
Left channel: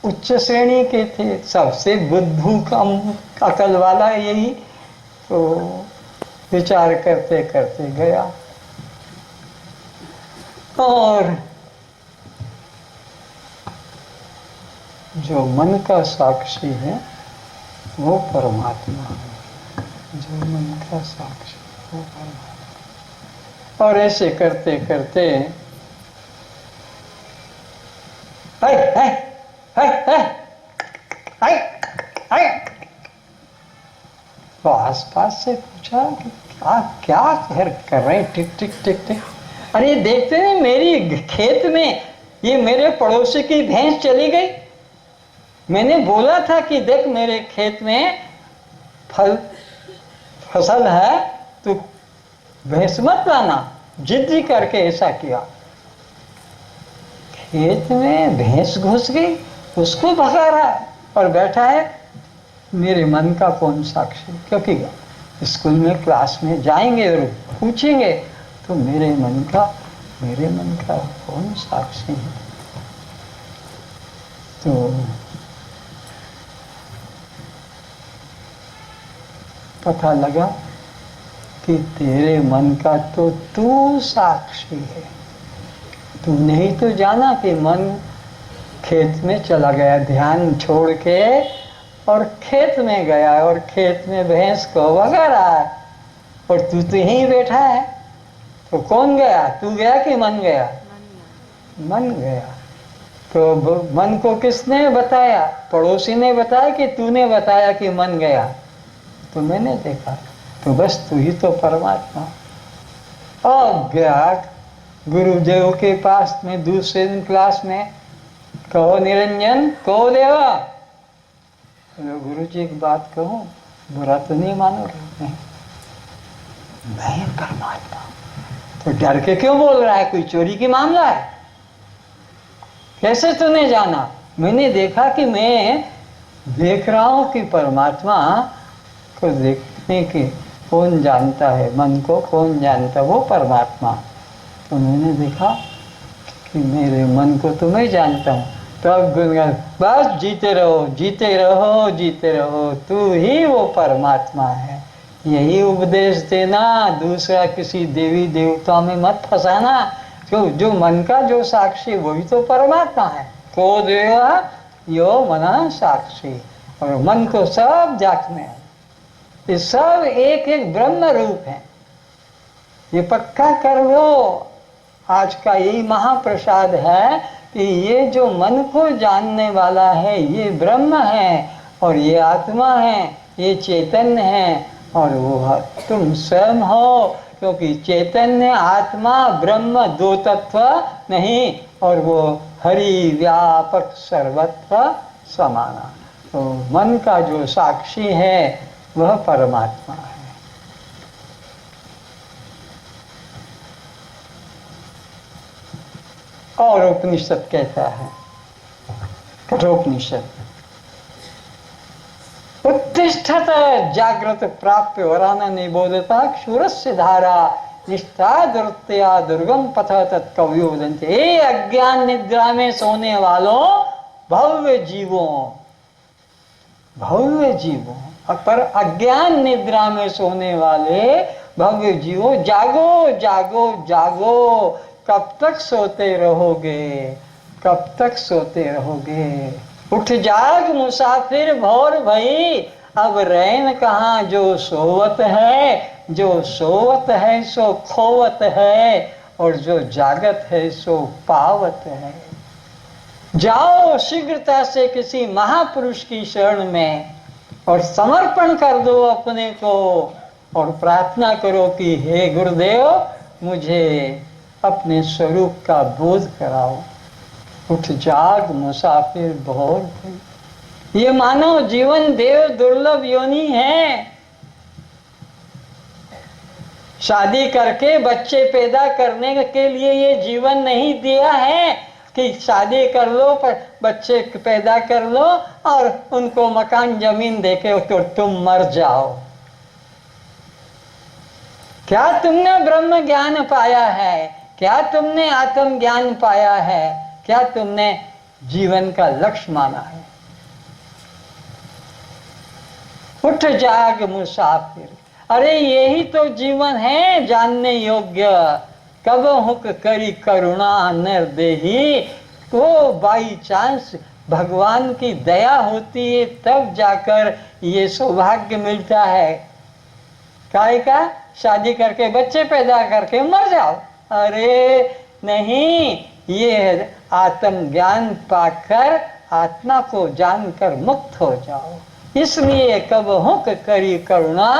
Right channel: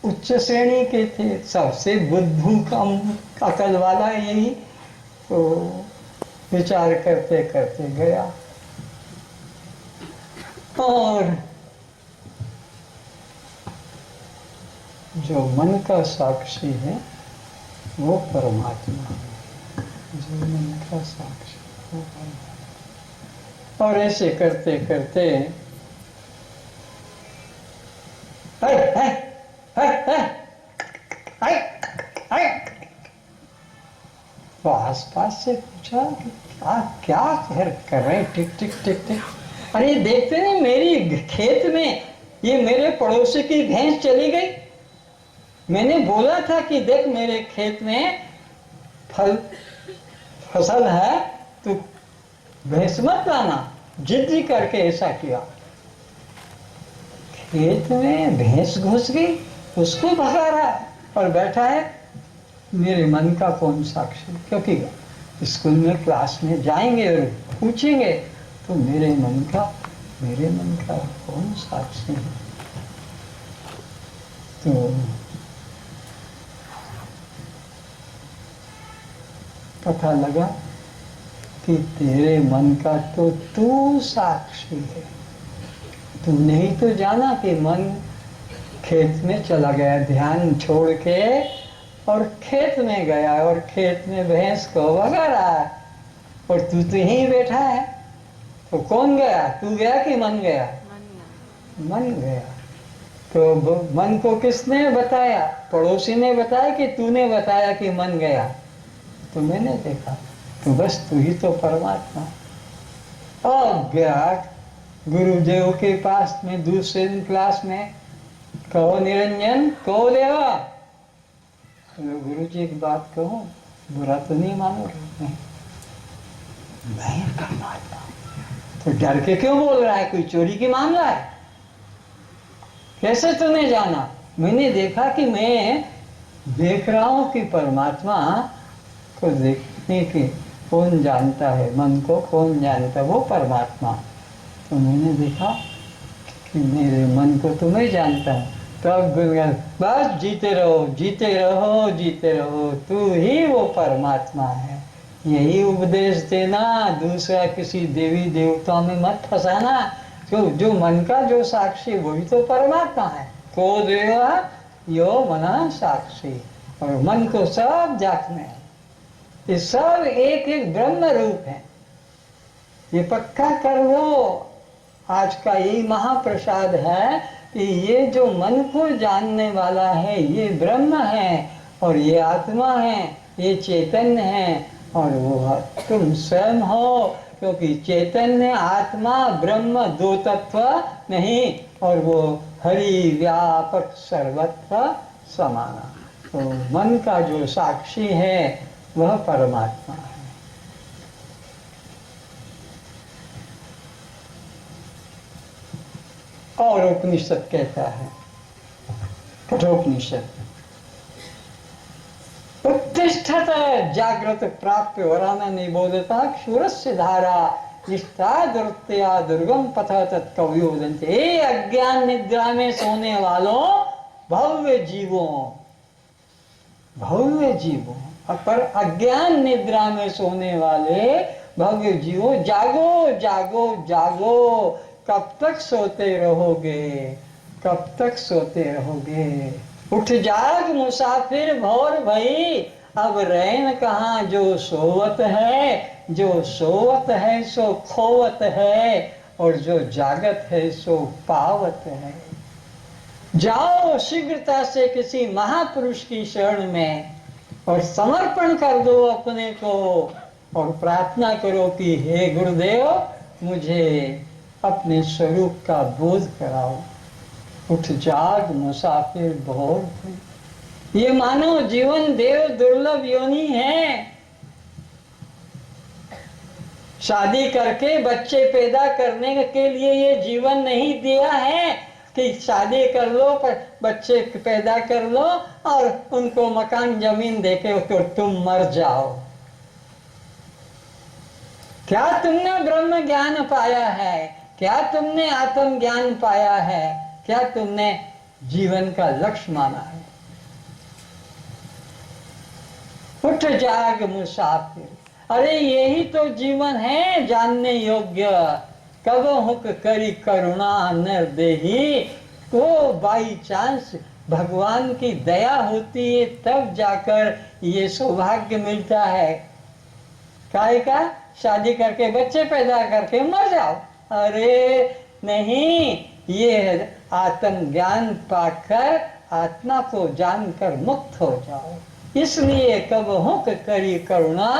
उच्च श्रेणी के थे, सबसे बुद्धू कम अकल वाला यही। तो विचार करते करते गया और जो मन का साक्षी है वो परमात्मा है। जो मन का साक्षी वो परमात्मा। और ऐसे करते करते हाय हाय हाय हाय हाय, तो आसपास से पूछा कि क्या क्या कर रहे? टिक टिक टिक टिक। अरे देखते नहीं मेरी खेत में ये मेरे पड़ोसी की भैंस चली गई। मैंने बोला था कि देख मेरे खेत में फसल है, तू भैंस मत लाना। जिद्दी करके ऐसा किया। खेत में भैंस घुस गई, उसको भगा रहा है और बैठा है। मेरे मन का कौन साक्षी? क्योंकि स्कूल में क्लास में जाएंगे और पूछेंगे तो मेरे मन का कौन साक्षी है? तो पता लगा कि तेरे मन का तो तू साक्षी है। तूने ही तो जाना कि मन खेत में चला गया, ध्यान छोड़ के और खेत में गया और खेत में भैंस को भगा रहा है और तू तो यहीं बैठा है। तो कौन गया? तू गया कि मन गया? मन गया। तो मन को किसने बताया? पड़ोसी ने बताया कि तूने बताया कि मन गया? तो मैंने देखा। तो बस तू ही तो परमात्मा। और गया गुरुदेव के पास में दूसरे दिन क्लास में, कहो निरंजन, कहो देवा। तो गुरु जी एक बात कहूं, बुरा तो नहीं मानोगे? मैं परमात्मा। तो डर के क्यों बोल रहा है? कोई चोरी की मामला है? कैसे तूने जाना? मैंने देखा कि मैं देख रहा हूं कि परमात्मा को देखने की कौन जानता है, मन को कौन जानता, वो परमात्मा। तो मैंने देखा कि मेरे मन को तो मैं जानता हूँ। तब गुनगान, बस जीते रहो जीते रहो जीते रहो, तू ही वो परमात्मा है। यही उपदेश देना, दूसरा किसी देवी देवता में मत फंसाना। जो मन का जो साक्षी वही तो परमात्मा है। को देवा यो मना साक्षी। और मन को सब जांचने है, ये सब एक एक ब्रह्म रूप है। ये पक्का कर लो। आज का यही महाप्रसाद है कि ये जो मन को जानने वाला है ये ब्रह्म है और ये आत्मा है, ये चैतन्य है और वो तुम स्वयं हो। क्योंकि चैतन्य आत्मा ब्रह्म दो तत्व नहीं, और वो हरि व्यापक सर्वत्र समाना। तो मन का जो साक्षी है वह परमात्मा है। और उपनिषद कहता है, कठोपनिषद, उत्तिष्ठत जागृत प्राप्य वराना निबोधता क्षुरस्य धारा निष्ठा दुर्त्या दुर्गम पथ तत्कव्यो वदन्ति। हे अज्ञान निद्रा में सोने वालों, भव्य जीवों पर अज्ञान निद्रा में सोने वाले भव्य जीवो, जागो जागो जागो। कब तक सोते रहोगे, कब तक सोते रहोगे। उठ जाग मुसाफिर भौर भई, अब रैन कहाँ जो सोवत है। जो सोवत है सो खोवत है, और जो जागत है सो पावत है। जाओ शीघ्रता से किसी महापुरुष की शरण में और समर्पण कर दो अपने को, और प्रार्थना करो कि हे गुरुदेव, मुझे अपने स्वरूप का बोध कराओ। उठ जाग मुसाफिर भौर भई। ये मानव जीवन देव दुर्लभ योनि है। शादी करके बच्चे पैदा करने के लिए ये जीवन नहीं दिया है कि शादी कर लो, पर बच्चे पैदा कर लो और उनको मकान जमीन देके तो तुम मर जाओ। क्या तुमने ब्रह्म ज्ञान पाया है? क्या तुमने आत्म ज्ञान पाया है? क्या तुमने जीवन का लक्ष्य माना है? उठ जाग मुसाफिर। अरे यही तो जीवन है जानने योग्य। कब हुक करी करुणा निर्देही। वो बाई चांस भगवान की दया होती है तब जाकर ये सौभाग्य मिलता है। काहे का? शादी करके बच्चे पैदा करके मर जाओ। अरे नहीं, ये आत्म ज्ञान पाकर आत्मा को जानकर मुक्त हो जाओ। इसलिए कब हुक करी करुणा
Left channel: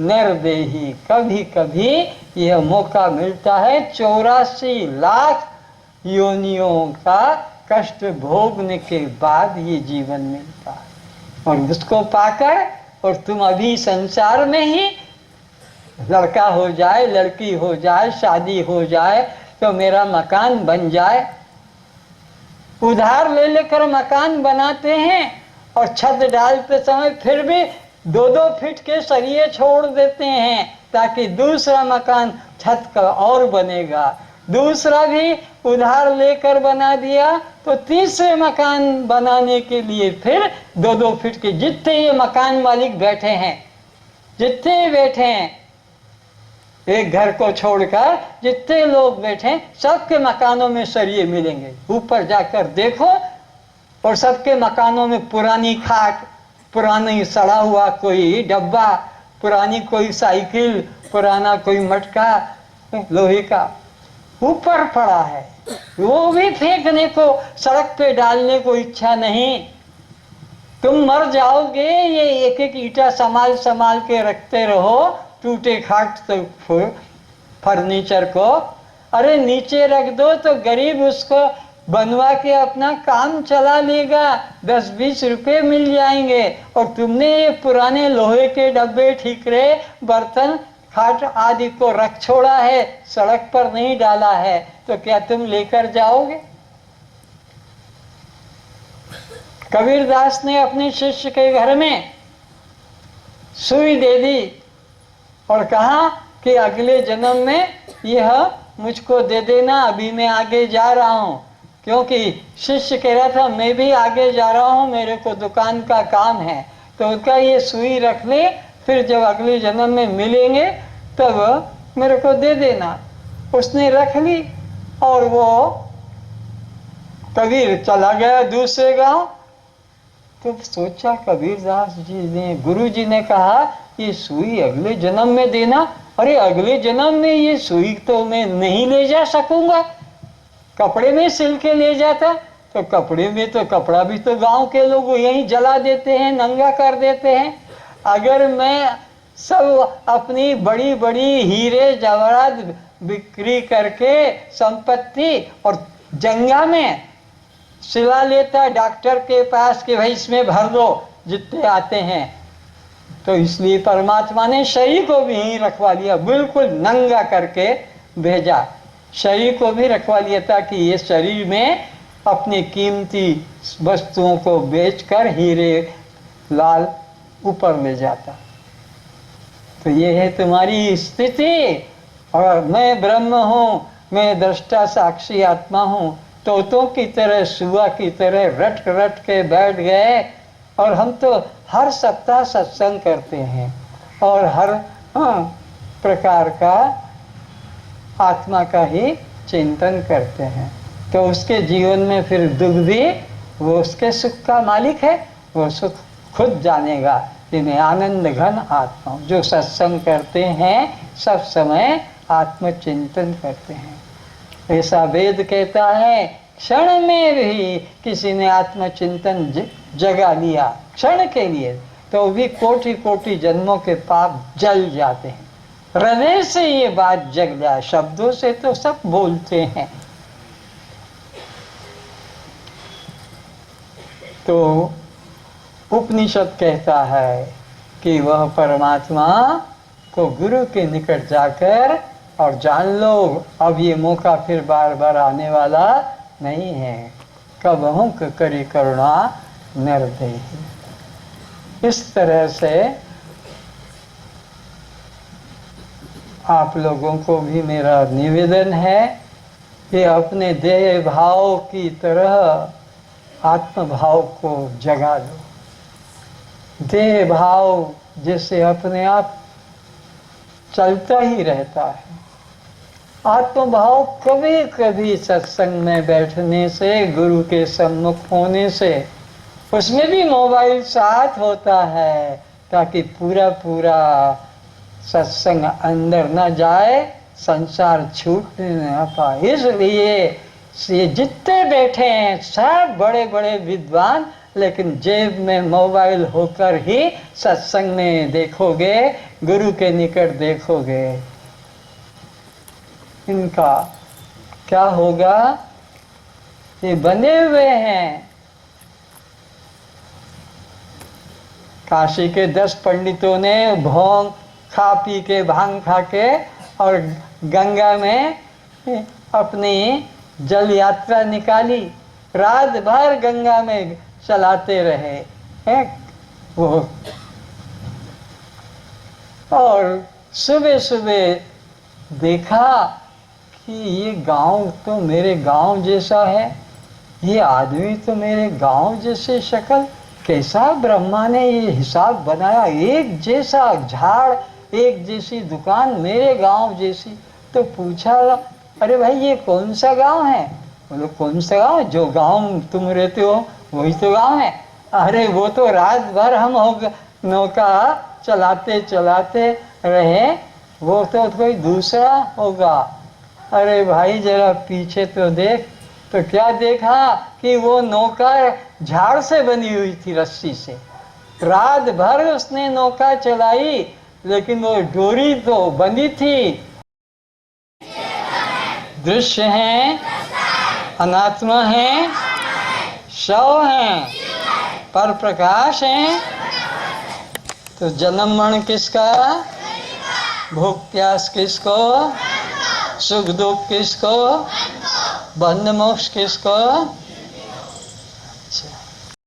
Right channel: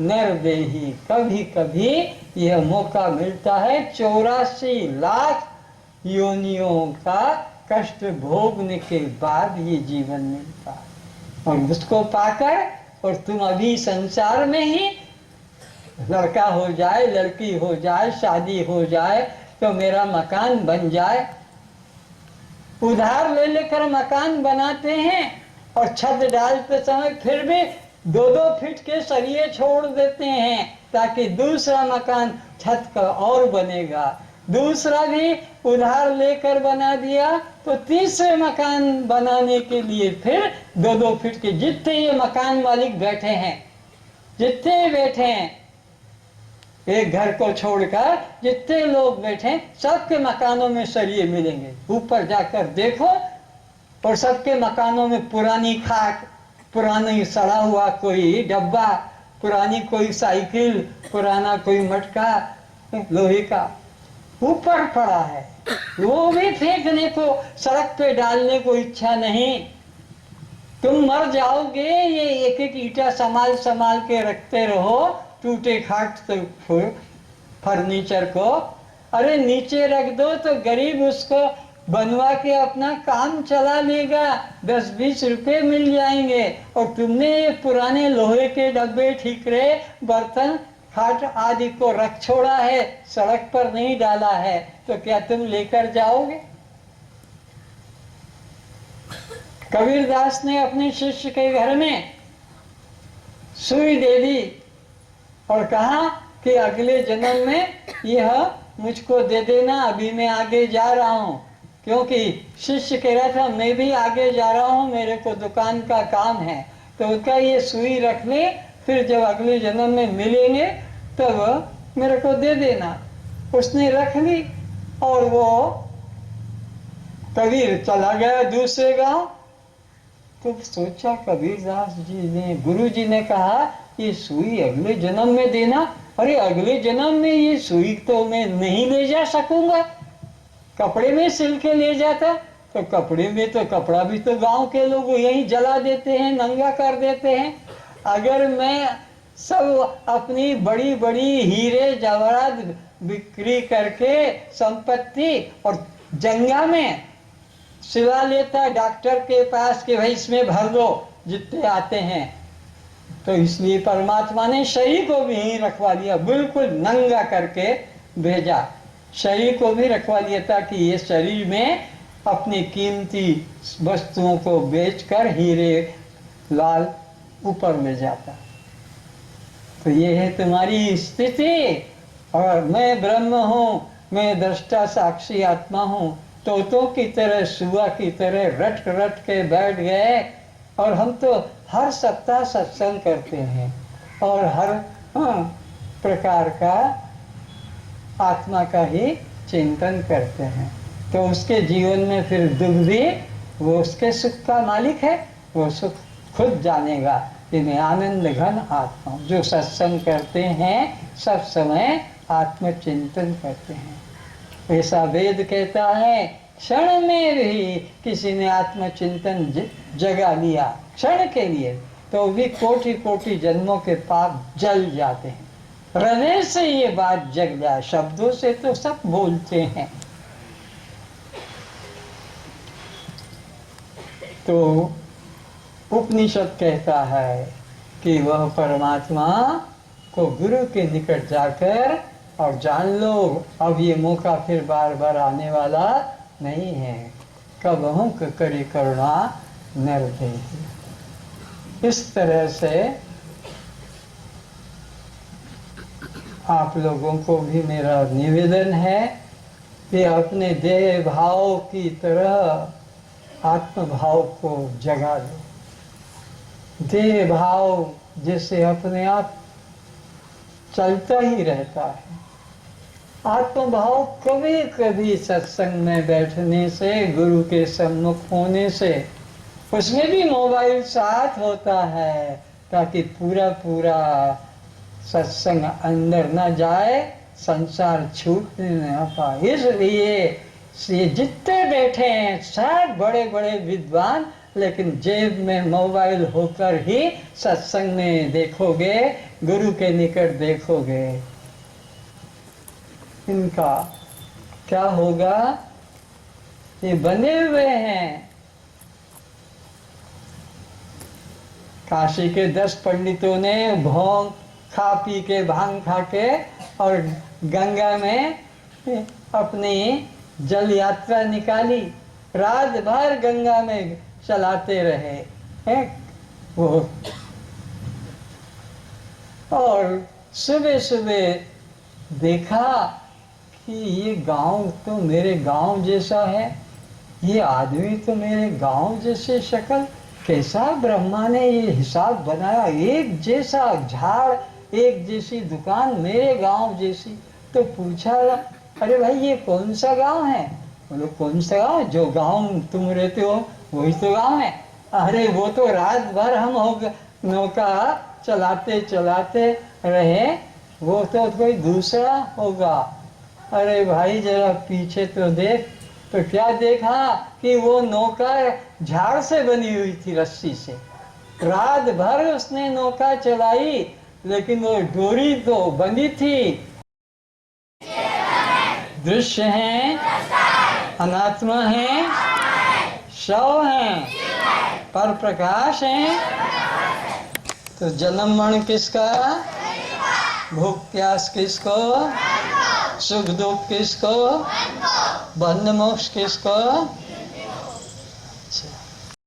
निर्देही। कभी कभी यह मौका मिलता है 84 लाख योनियों का कष्ट भोगने के बाद ये जीवन मिलता है। और उसको पाकर और तुम अभी संसार में ही लड़का हो जाए, लड़की हो जाए, शादी हो जाए तो मेरा मकान बन जाए। उधार ले लेकर मकान बनाते हैं और छत डालते समय फिर भी 2-2 फीट के सरिये छोड़ देते हैं ताकि दूसरा मकान छत का और बनेगा। दूसरा भी उधार लेकर बना दिया तो तीसरे मकान बनाने के लिए फिर 2-2 फीट के, जितने ये मकान मालिक बैठे हैं, जितने बैठे हैं, एक घर को छोड़कर जितने लोग बैठे सबके मकानों में सरिये मिलेंगे। ऊपर जाकर देखो और सबके मकानों में पुरानी खाट, पुरानी सड़ा हुआ कोई डब्बा, पुरानी कोई साइकिल, पुराना कोई मटका लोहे का ऊपर पड़ा है। वो भी फेंकने को, सड़क पे डालने को इच्छा नहीं। तुम मर जाओगे, ये एक एक ईंटा संभाल संभाल के रखते रहो, टूटे खाट तो फर्नीचर को। अरे नीचे रख दो तो गरीब उसको बनवा के अपना काम चला लेगा, 10-20 रुपए मिल जाएंगे। और तुमने ये पुराने लोहे के डब्बे, ठीकरे, बर्तन, खाट आदि को रख छोड़ा है, सड़क पर नहीं डाला है, तो क्या तुम लेकर जाओगे? कबीरदास ने अपने शिष्य के घर में सुई दे दी और कहा कि अगले जन्म में यह मुझको दे देना, अभी मैं आगे जा रहा हूँ। क्योंकि शिष्य कह रहा था मैं भी आगे जा रहा हूँ, मेरे को दुकान का काम है, तो उसका ये सुई रख ले, फिर जब अगले जन्म में मिलेंगे तब मेरे को दे देना। उसने रख ली और वो कबीर चला गया दूसरे गांव। तो सोचा कबीरदास जी ने, गुरु जी ने कहा ये सुई अगले जन्म में देना। अरे अगले जन्म में ये सुई तो मैं नहीं ले जा सकूंगा, कपड़े में सिल के ले जाता। तो कपड़े में तो कपड़ा भी तो गांव के लोग यहीं जला देते हैं, नंगा कर देते हैं। अगर मैं सब अपनी बड़ी बड़ी हीरे जवाहरात बिक्री करके संपत्ति और जंगा में सिला लेता डॉक्टर के पास कि भाई इसमें भर दो जितने आते हैं, तो इसलिए परमात्मा ने शरीर को भी यहीं रखवा लिया, बिल्कुल नंगा करके भेजा। शरीर को भी रखवा लिया था कि ये शरीर में अपनी कीमती वस्तुओं को बेचकर हीरे लाल ऊपर ले जाता। तो ये है तुम्हारी स्थिति। और मैं ब्रह्म हूँ, मैं दृष्टा साक्षी आत्मा हूँ। तोतों की तरह, सुआ की तरह रट रट के बैठ गए। और हम तो हर सप्ताह सत्संग करते हैं और हर प्रकार का आत्मा का ही चिंतन करते हैं तो उसके जीवन में फिर दुख भी, वो उसके सुख का मालिक है, वो सुख खुद जानेगा। इन्हें आनंद घन आत्मा जो सत्संग करते हैं सब समय आत्मचिंतन करते हैं। ऐसा वेद कहता है क्षण में भी किसी ने आत्मचिंतन जगा लिया क्षण के लिए तो भी कोटि कोटि जन्मों के पाप जल जाते हैं। हृदय से ये बात जग जाए, शब्दों से तो सब बोलते हैं। तो उपनिषद कहता है कि वह परमात्मा को गुरु के निकट जाकर और जान लो अब ये मौका फिर बार बार आने वाला नहीं है। कबहुं करे करुणा निर्दयी। इस तरह से आप लोगों को भी मेरा निवेदन है कि अपने देह भाव की तरह आत्म भाव को जगा लो। देह भाव जैसे अपने आप चलता ही रहता है, आत्म भाव कभी कभी सत्संग में बैठने से, गुरु के सम्मुख होने से, उसमें भी मोबाइल साथ होता है ताकि पूरा पूरा सत्संग अंदर न जाए, संसार छूटने न पाए। इसलिए ये जितने बैठे हैं सब बड़े बड़े विद्वान, लेकिन जेब में मोबाइल होकर ही सत्संग में देखोगे, गुरु के निकट देखोगे। इनका क्या होगा? ये बने हुए हैं। काशी के 10 पंडितों ने भोंग खा पी के, भांग खा के और गंगा में अपनी जल यात्रा निकाली, रात भर गंगा में चलाते रहे हैं वो। और सुबह सुबह देखा कि ये गांव तो मेरे गांव जैसा है, ये आदमी तो मेरे गांव जैसे शक्ल, कैसा ब्रह्मा ने ये हिसाब बनाया, एक जैसा झाड़, एक जैसी दुकान, मेरे गांव जैसी। तो पूछा, अरे भाई ये कौन सा गांव है? बोलो कौन सा गांव? जो गांव तुम रहते हो वही तो गांव है। अरे वो तो रात भर हम नौका चलाते चलाते रहे, वो तो कोई दूसरा होगा। अरे भाई जरा पीछे तो देख। तो क्या देखा कि वो नौका झाड़ से बनी हुई थी, रस्सी से। रात भर उसने नौका चलाई, लेकिन वो डोरी तो बंधी थी। दृश्य है, अनात्मा है, शव है, पर प्रकाश है। तो जन्म मरण किसका? भूख प्यास किसको? सुख दुख किसको? बंध मोक्ष किसको? अच्छा।